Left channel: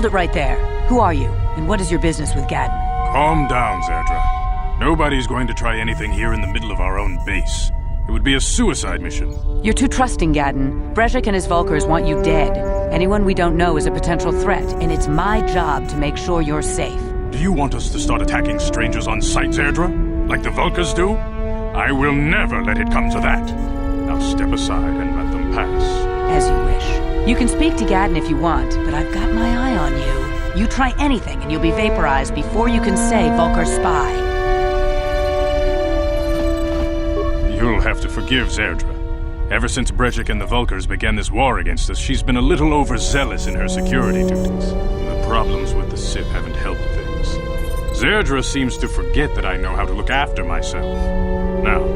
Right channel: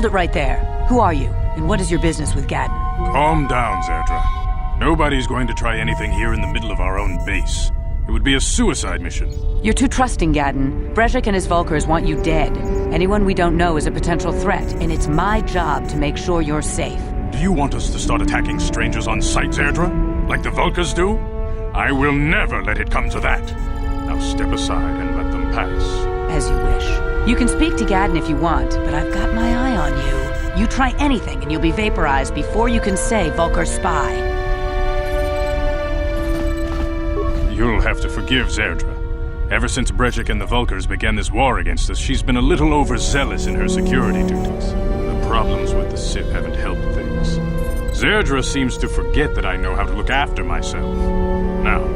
Hold it right there. Who are you, and what is your business with Gadden? Calm down, Zerdra. Nobody's going to try anything here in the middle of our own base. It would be a suicide mission. You're too trusting, Gadden. Brezhik and his Vulkars want you dead. Anyone we don't know is a potential threat, and it's my job to make sure you're safe. Do you want us to start attacking strangers on sight, Zerdra? Like the Vulkars do? I will never let it come to that. Now step aside and let them pass. As you wish. You can speak to Gadden if you want, but I've got my eye on you. You try anything and you'll be vaporized before you can say Vulkar spy. You'll have to forgive Zerdra. Ever since Brezhik and the Vulkars began this war against us, she's been a little overzealous in her security duties. The problems with the Sith haven't helped things. Zerdra seems to forget that I know how to look after myself. Now,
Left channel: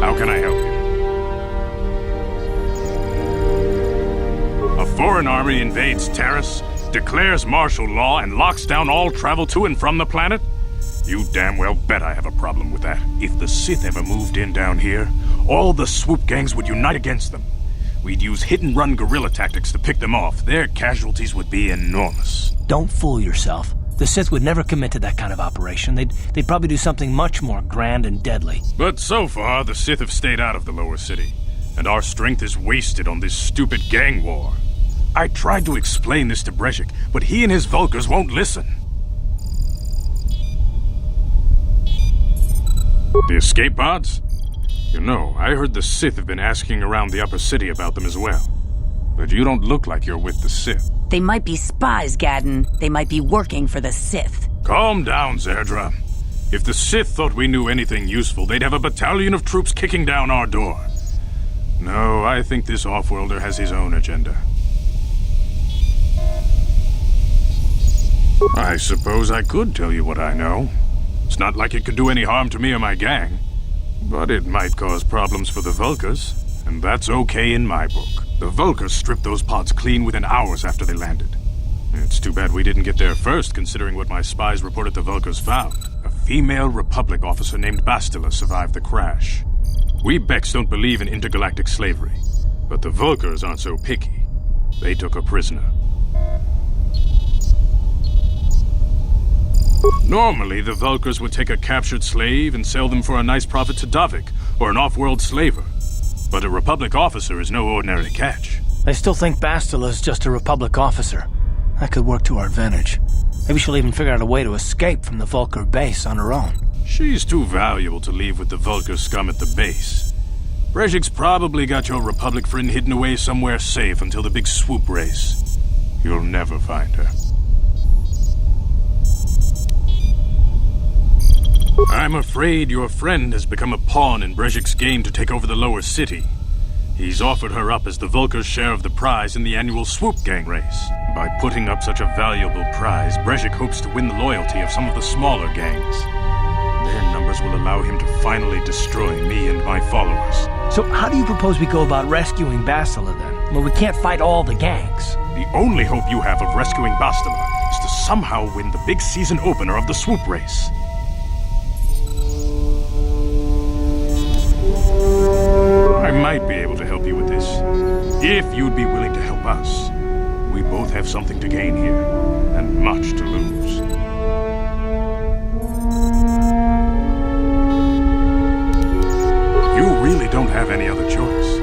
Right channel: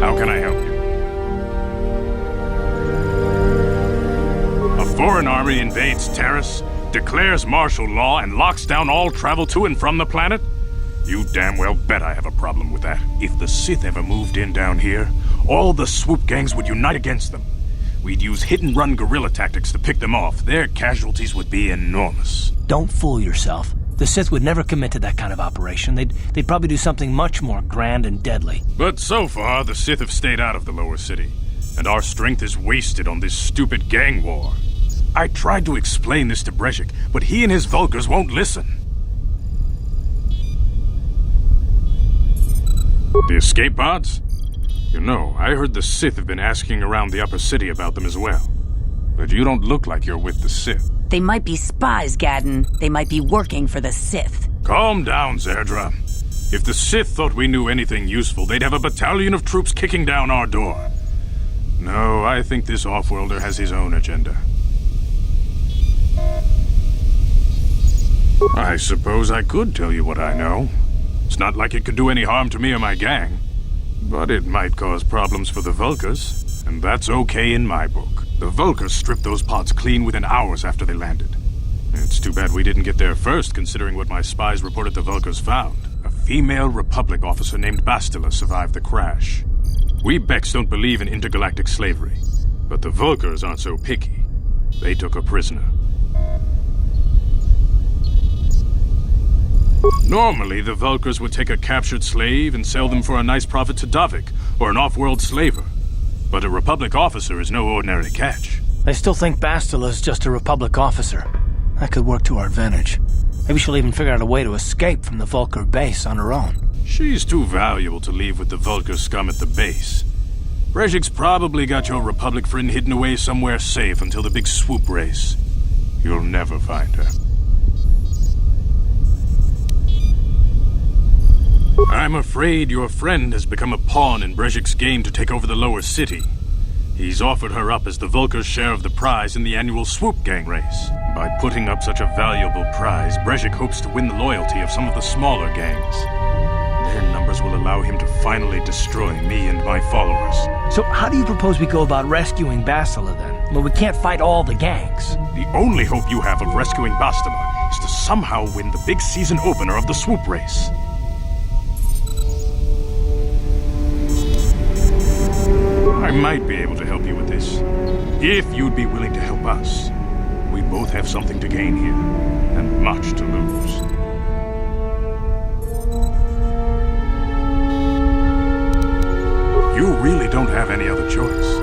how can I help you? A foreign army invades Terrace, declares martial law, and locks down all travel to and from the planet? You damn well bet I have a problem with that. If the Sith ever moved in down here, all the swoop gangs would unite against them. We'd use hit-and-run guerrilla tactics to pick them off. Their casualties would be enormous. Don't fool yourself. The Sith would never commit to that kind of operation. They'd probably do something much more grand and deadly. But so far, the Sith have stayed out of the lower city, and our strength is wasted on this stupid gang war. I tried to explain this to Brezhik, but he and his Vulkars won't listen. The escape pods? You know, I heard the Sith have been asking around the upper city about them as well. But you don't look like you're with the Sith. They might be spies, Gadden. They might be working for the Sith. Calm down, Zerdra. If the Sith thought we knew anything useful, they'd have a battalion of troops kicking down our door. No, I think this off-worlder has his own agenda. I suppose I could tell you what I know. It's not like it could do any harm to me or my gang. But it might cause problems for the Vulkars, and that's okay in my book. The Vulkars stripped those pods clean within hours after they landed. It's too bad we didn't get there first, considering what my spies reported the Vulkars found. A female Republic officer named Bastila survived the crash. We Beks don't believe in intergalactic slavery, but the Vulkars aren't so picky. They took her prisoner. Normally, the Vulkars would take a captured slave and sell them for a nice profit to Davik, or an off-world slaver. But a Republic officer is no ordinary catch. I still think Bastila is just a Republic officer. That could work to our advantage. Maybe she'll even figure out a way to escape from the Vulkar base on her own. She's too valuable to leave with the Vulkar scum at the base. Brezhik's probably got your Republic friend hidden away somewhere safe until the big swoop race. You'll never find her. I'm afraid your friend has become a pawn in Brezhik's game to take over the lower city. He's offered her up as the Vulkar's share of the prize in the annual swoop gang race. By putting up such a valuable prize, Brezhik hopes to win the loyalty of some of the smaller gangs. Their numbers will allow him to finally destroy me and my followers. So how do you propose we go about rescuing Bastila then? Well, we can't fight all the gangs. The only hope you have of rescuing Bastila is to somehow win the big season opener of the swoop race. I might be able to help you with this, if you'd be willing to help us. We both have something to gain here, and much to lose. You really don't have any other choice.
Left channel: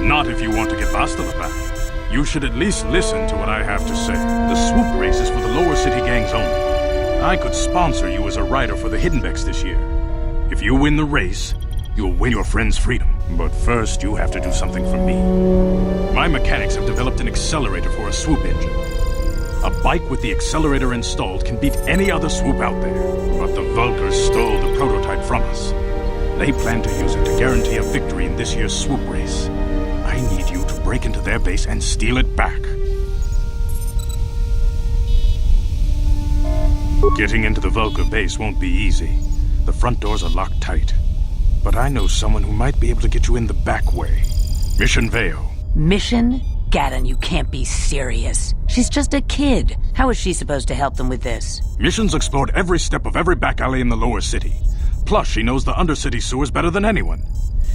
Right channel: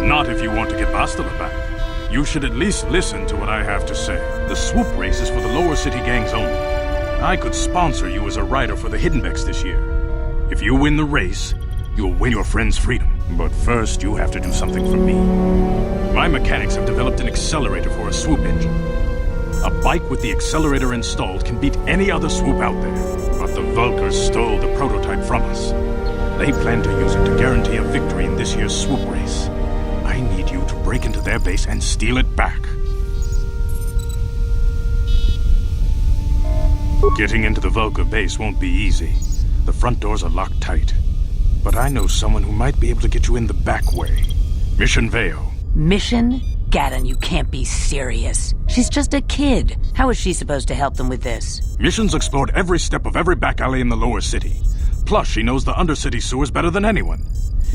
Not if you want to get Bastila back. You should at least listen to what I have to say. The swoop race is for the lower city gangs only. I could sponsor you as a rider for the Hidden Beks this year. If you win the race, you'll win your friend's freedom. But first, you have to do something for me. My mechanics have developed an accelerator for a swoop engine. A bike with the accelerator installed can beat any other swoop out there. But the Vulkars stole the prototype from us. They plan to use it to guarantee a victory in this year's swoop race. I need you to break into their base and steal it back. Getting into the Vulkar base won't be easy. The front doors are locked tight. But I know someone who might be able to get you in the back way. Mission Veo. Mission? Gadden, you can't be serious. She's just a kid. How is she supposed to help them with this? Mission's explored every step of every back alley in the lower city. Plus, she knows the undercity sewers better than anyone.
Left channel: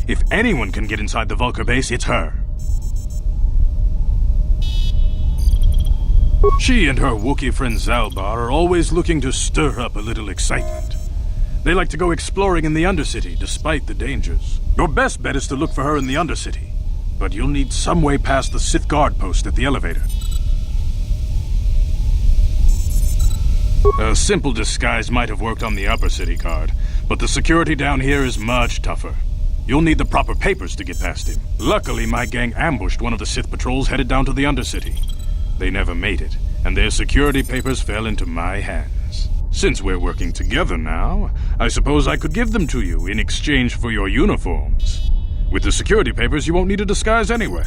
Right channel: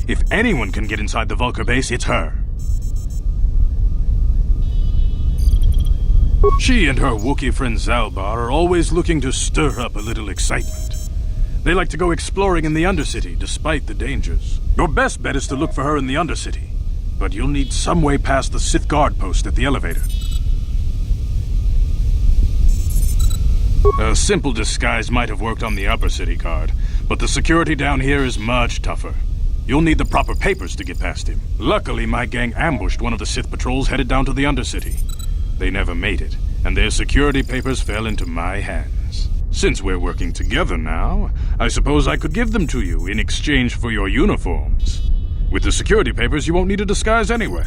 If anyone can get inside the Vulkar base, it's her. She and her Wookiee friend Zalbar are always looking to stir up a little excitement. They like to go exploring in the Undercity, despite the dangers. Your best bet is to look for her in the Undercity, but you'll need some way past the Sith guard post at the elevator. A simple disguise might have worked on the Upper City guard, but the security down here is much tougher. You'll need the proper papers to get past him. Luckily, my gang ambushed one of the Sith patrols headed down to the Undercity. They never made it, and their security papers fell into my hands. Since we're working together now, I suppose I could give them to you in exchange for your uniforms. With the security papers, you won't need a disguise anyway.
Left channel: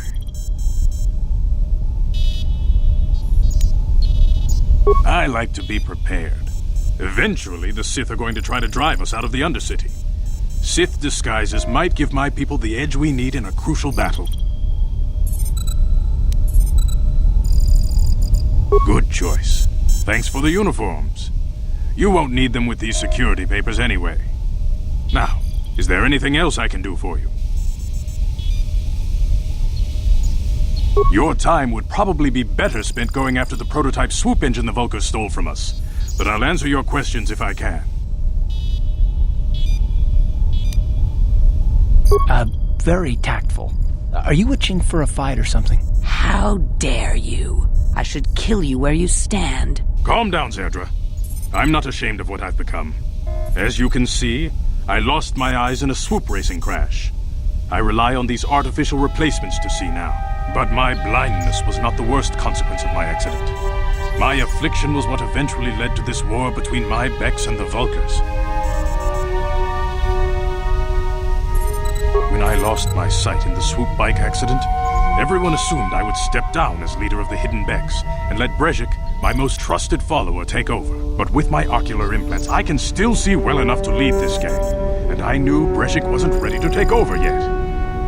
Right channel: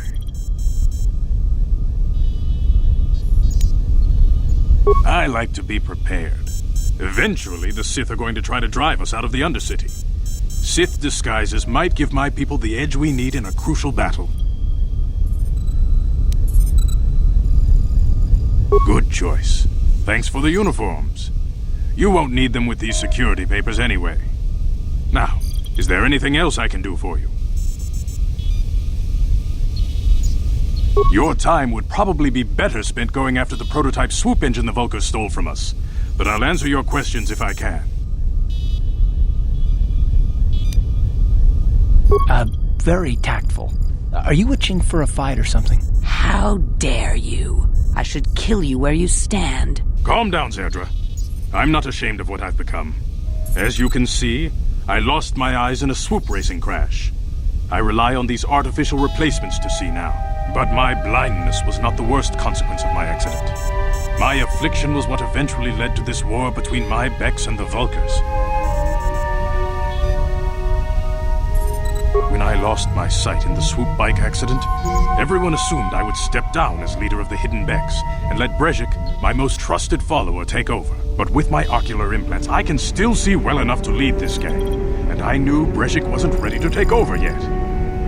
I like to be prepared. Eventually, the Sith are going to try to drive us out of the Undercity. Sith disguises might give my people the edge we need in a crucial battle. Good choice. Thanks for the uniforms. You won't need them with these security papers anyway. Now, is there anything else I can do for you? Your time would probably be better spent going after the prototype swoop engine the Vulkars stole from us, but I'll answer your questions if I can. Very tactful. Are you itching for a fight or something? How dare you? I should kill you where you stand. Calm down, Zerdra. I'm not ashamed of what I've become. As you can see, I lost my eyes in a swoop racing crash. I rely on these artificial replacements to see now. But my blindness was not the worst consequence of my accident. My affliction was what eventually led to this war between my Becks and the Vulkars. When I lost my sight in the swoop bike accident, everyone assumed I would step down as leader of the hidden Becks and let Brejik, my most trusted follower, take over. But with my ocular implants, I can still see well enough to lead this gang, and I knew Brejik wasn't ready to take over yet.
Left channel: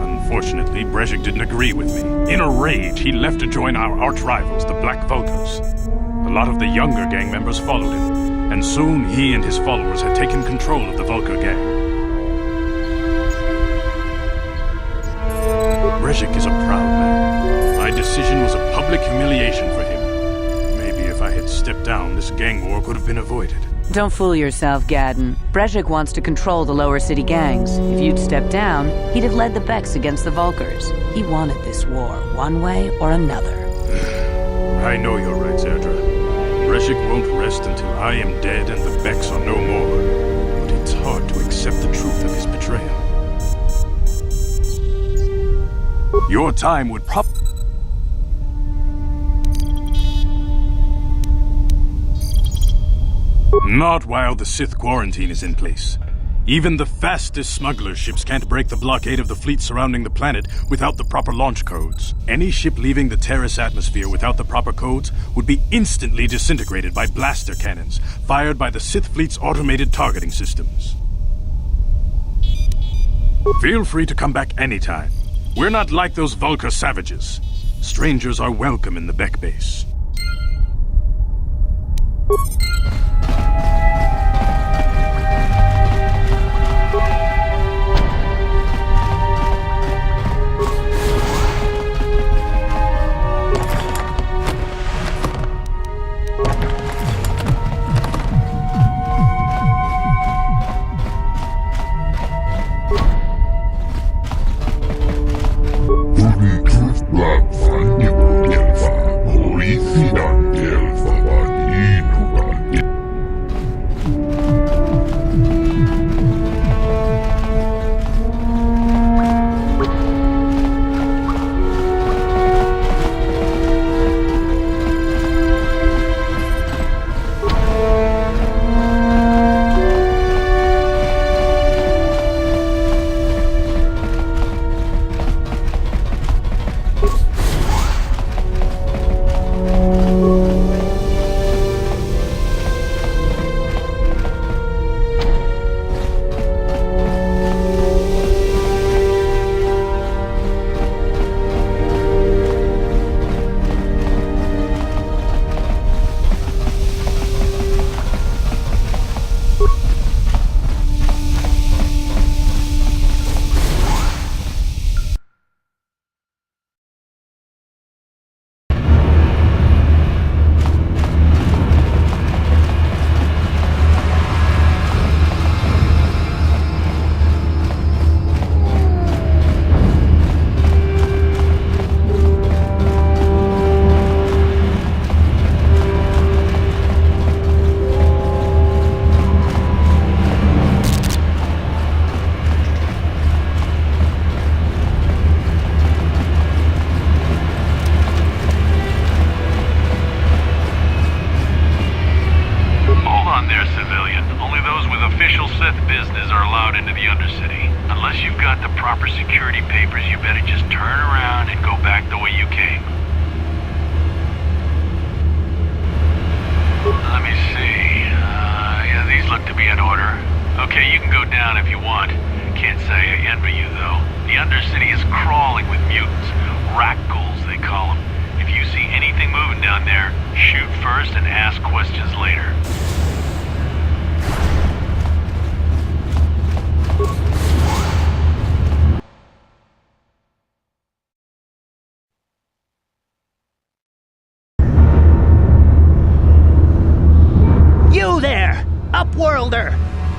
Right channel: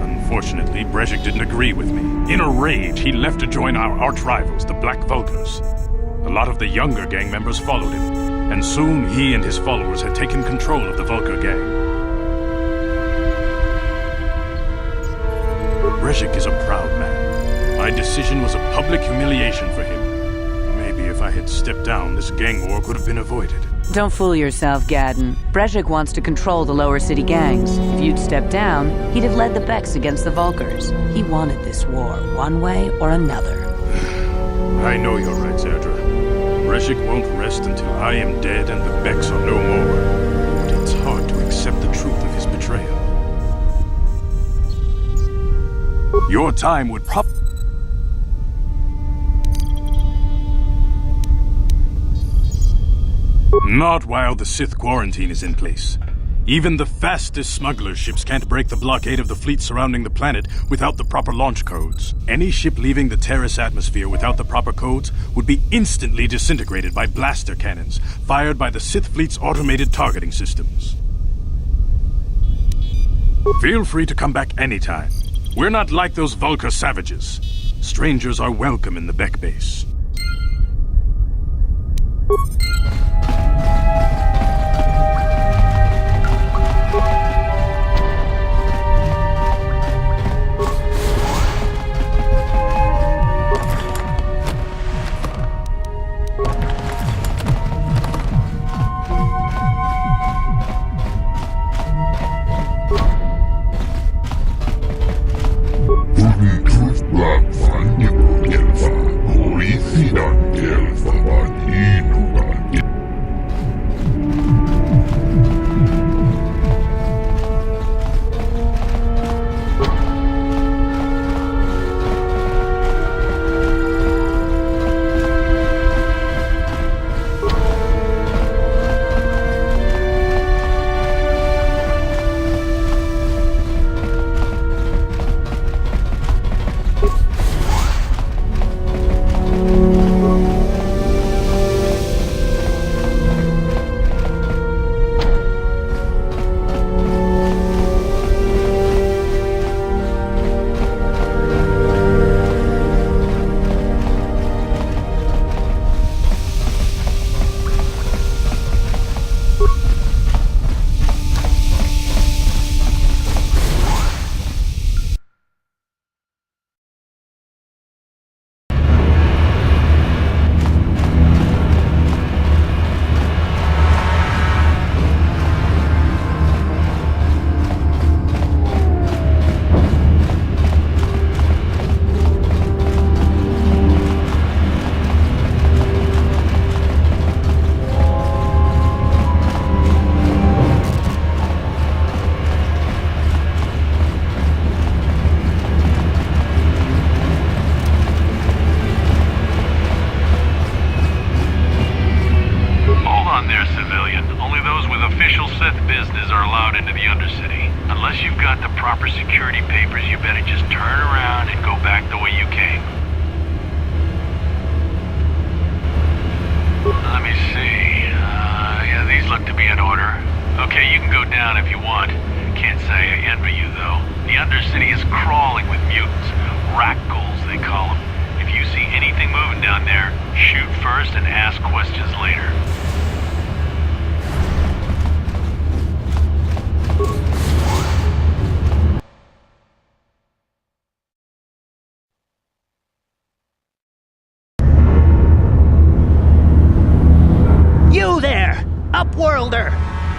Unfortunately, Brejik didn't agree with me. In a rage, he left to join our arch-rivals, the Black Vulkars. A lot of the younger gang members followed him, and soon he and his followers had taken control of the Vulkar gang. Brejik is a proud man. My decision was a public humiliation for him. Maybe if I had stepped down, this gang war could have been avoided. Don't fool yourself, Gadden. Brejik wants to control the lower city gangs. If you'd stepped down, he'd have led the Becks against the Vulkars. He wanted this war, one way or another. I know you're right, Zerdra. Brejik won't rest until I am dead and the Becks are no more. But it's hard to accept the truth of his betrayal. Your time would Not while the Sith quarantine is in place. Even the fastest smuggler ships can't break the blockade of the fleet surrounding the planet without the proper launch codes. Any ship leaving the Terrace atmosphere without the proper codes would be instantly disintegrated by blaster cannons fired by the Sith fleet's automated targeting systems. Feel free to come back anytime. We're not like those Vulkar savages. Strangers are welcome in the Beck base. Hold on there, civilian. Only those with official Sith business are allowed into the Undercity. Unless you've got the proper security papers, you better just turn around and go back the way you came. Let me see. Yeah, these look to be in order. Okay, you can go down if you want. Can't say I envy you, though. The Undercity is crawling with mutants. Rackles, they call them. If you see anything moving down there, shoot first and ask questions later. You there, Upworlder!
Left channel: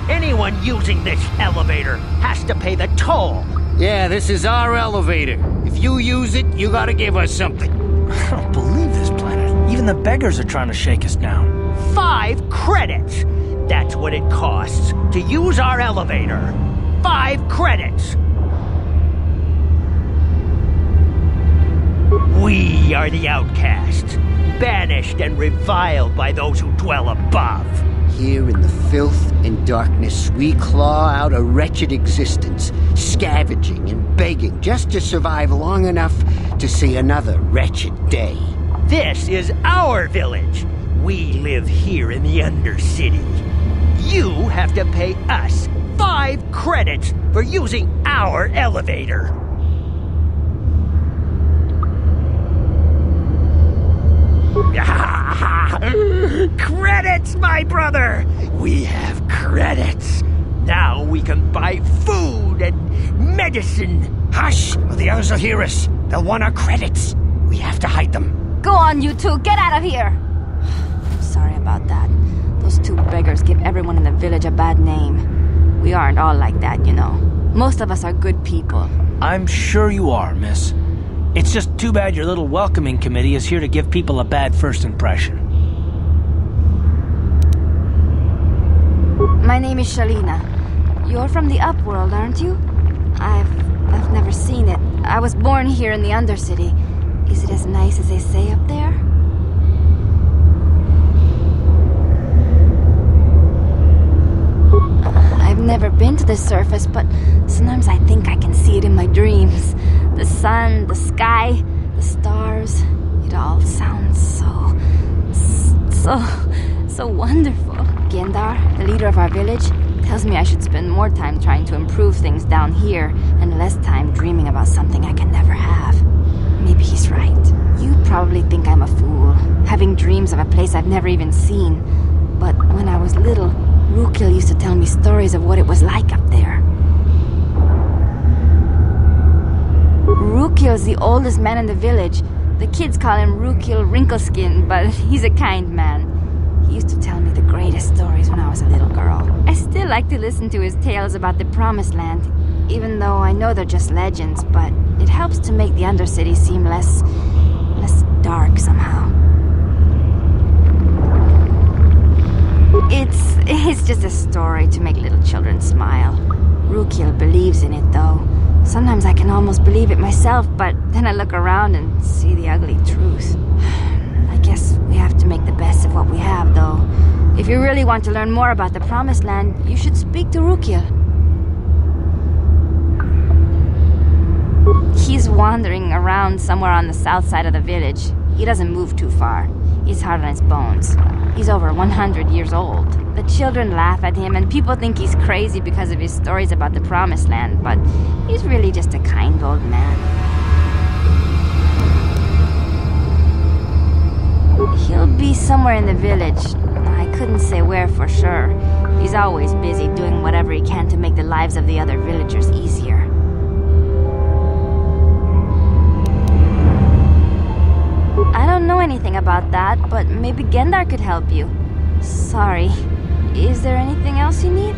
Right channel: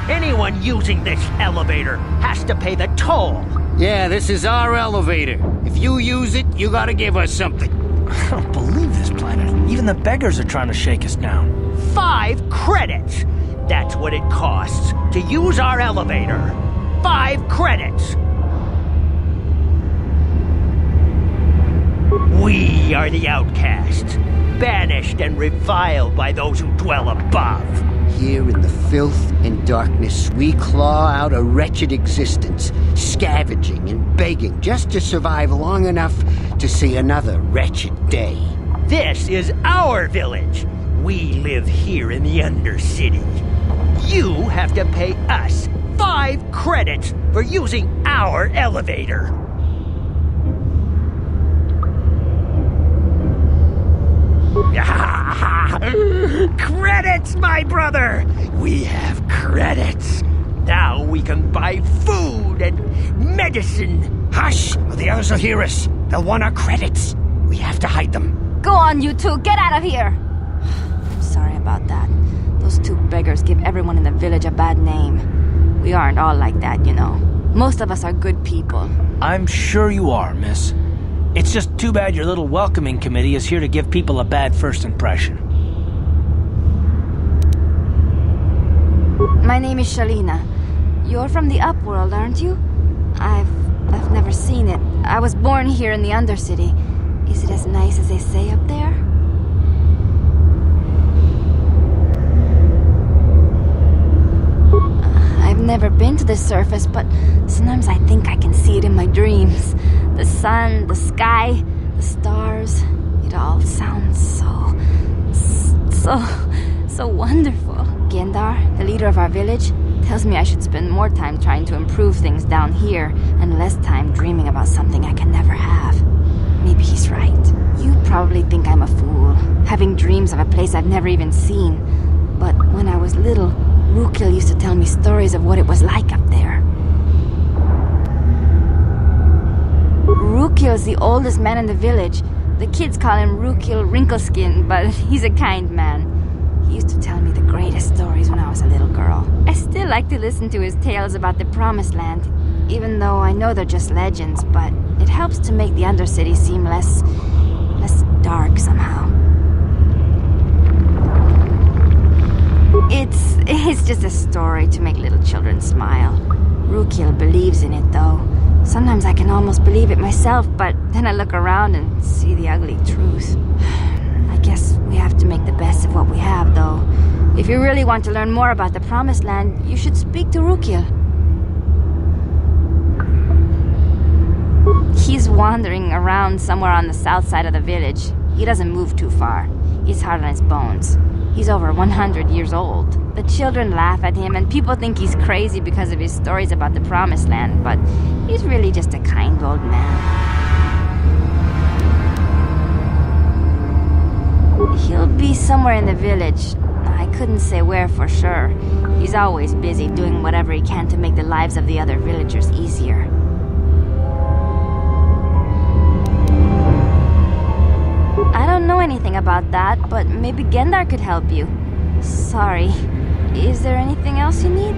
Anyone using this elevator has to pay the toll. Yeah, this is our elevator. If you use it, you gotta give us something. I don't believe this planet. Even the beggars are trying to shake us down. 5 credits! That's what it costs to use our elevator. 5 credits! We are the outcasts, banished and reviled by those who dwell above. Here in the filth and darkness, we claw out a wretched existence, scavenging and begging just to survive long enough to see another wretched day. This is our village. We live here in the Undercity. You have to pay us 5 credits for using our elevator. Credits, my brother! We have credits. Now we can buy food and medicine. Hush, or the others will hear us. They'll want our credits. We have to hide them. Go on, you two. Get out of here. I'm sorry about that. Those 2 beggars give everyone in the village a bad name. We aren't all like that, you know. Most of us are good people. I'm sure you are, miss. It's just too bad your little welcoming committee is here to give people a bad first impression. My name is Shalina. You're from the Upworld, aren't you? I've never seen it. I was born here in the Undercity. Is it as nice as they say up there? I've never been to the surface, but sometimes I think I can see it in my dreams. The sun, the sky, the stars. It all sounds so wonderful. Gendar, the leader of our village, tells me I should spend more time trying to improve things down here and less time dreaming about something I can never have. Maybe he's right. You probably think I'm a fool, having dreams of a place I've never even seen. But when I was little, Rukil used to tell me stories of what it was like up there. Rukil's the oldest man in the village. The kids call him Rukil Wrinkleskin, but he's a kind man. He used to tell me the greatest stories when I was a little girl. I still like to listen to his tales about the Promised Land, even though I know they're just legends, but it helps to make the Undercity seem less dark somehow. It's just a story to make little children smile. Rukil believes in it, though. Sometimes I can almost believe it myself, but then I look around and see the ugly truth. I guess we have to make the best of what we have, though. If you really want to learn more about the Promised Land, you should speak to Rukil. He's wandering around somewhere on the south side of the village. He doesn't move too far. He's hard on his bones. He's over 100 years old. The children laugh at him, and people think he's crazy because of his stories about the Promised Land, but he's really just a kind old man. He'll be somewhere in the village. I couldn't say where for sure. He's always busy doing whatever he can to make the lives of the other villagers easier. I don't know anything about that, but maybe Gendar could help you. Sorry. Is there anything else you need?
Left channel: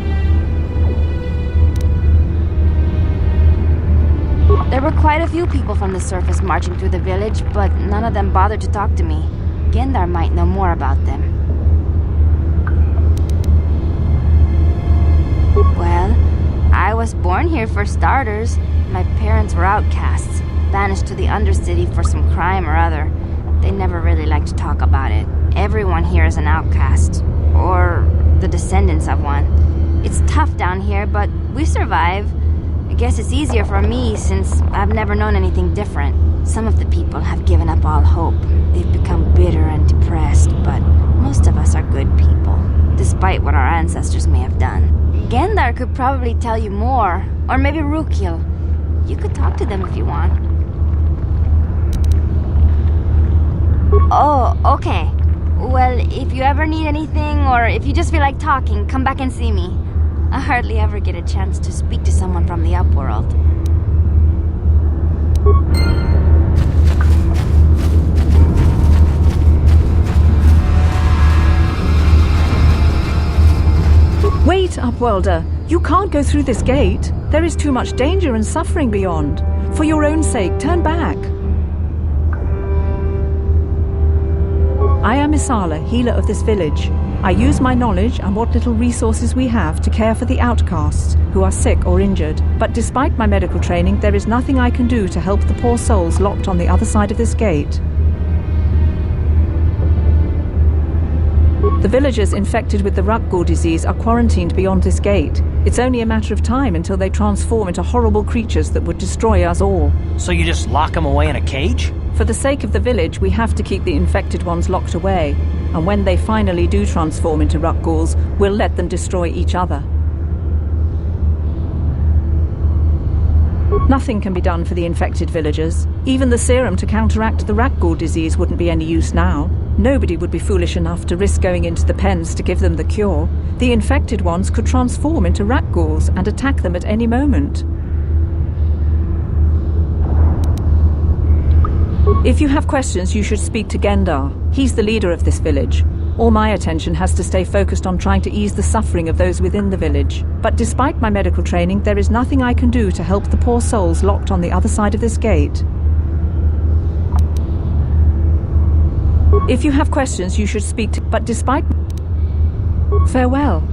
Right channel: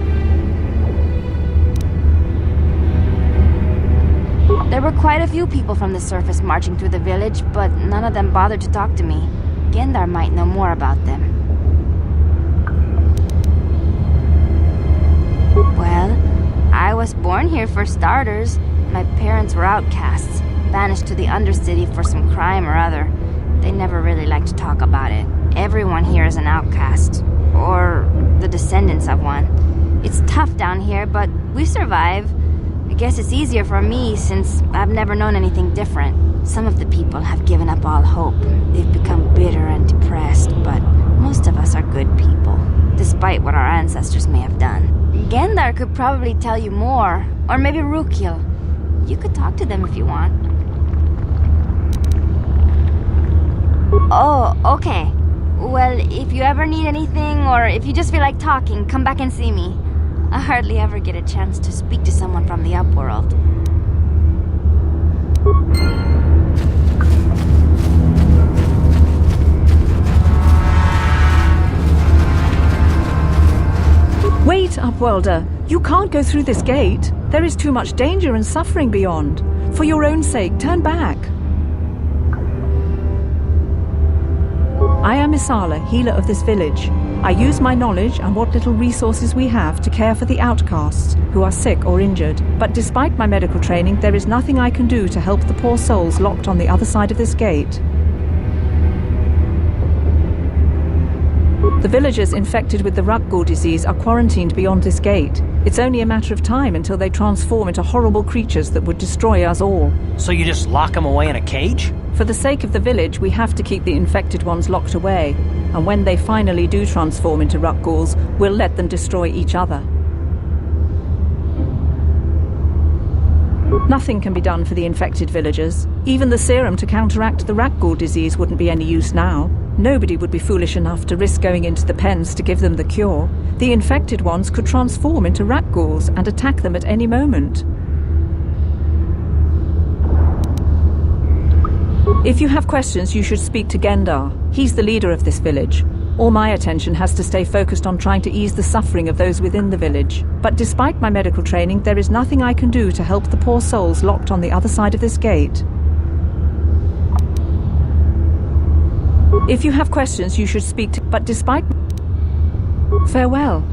There were quite a few people from the surface marching through the village, but none of them bothered to talk to me. Gendar might know more about them. Well, I was born here for starters. My parents were outcasts, banished to the Undercity for some crime or other. They never really liked to talk about it. Everyone here is an outcast. or the descendants of one. It's tough down here, but we survive. I guess it's easier for me since I've never known anything different. Some of the people have given up all hope. They've become bitter and depressed, but most of us are good people, despite what our ancestors may have done. Gendar could probably tell you more, or maybe Rukil. You could talk to them if you want. Oh, okay. Well, if you ever need anything, or if you just feel like talking, come back and see me. I hardly ever get a chance to speak to someone from the upworld. Wait, Upworlder! You can't go through this gate. There is too much danger and suffering beyond. For your own sake, turn back. I am Isala, healer of this village. I use my knowledge and what little resources we have to care for the outcasts who are sick or injured. But despite my medical training, there is nothing I can do to help the poor souls locked on the other side of this gate. The villagers infected with the Rakghoul disease are quarantined beyond this gate. It's only a matter of time until they transform into horrible creatures that would destroy us all. So you just lock them away in a cage? For the sake of the village, we have to keep the infected ones locked away. And when they finally do transform into Rakghouls, we'll let them destroy each other. Nothing can be done for the infected villagers. Even the serum to counteract the Rakghoul disease wouldn't be any use now. Nobody would be foolish enough to risk going into the pens to give them the cure. The infected ones could transform into Rakghouls and attack them at any moment. If you have questions, you should speak to Gendar. He's the leader of this village. All my attention has to stay focused on trying to ease the suffering of those within the village. But despite my medical training, there is nothing I can do to help the poor souls locked on the other side of this gate. If you have questions, you should speak to... But despite... Farewell.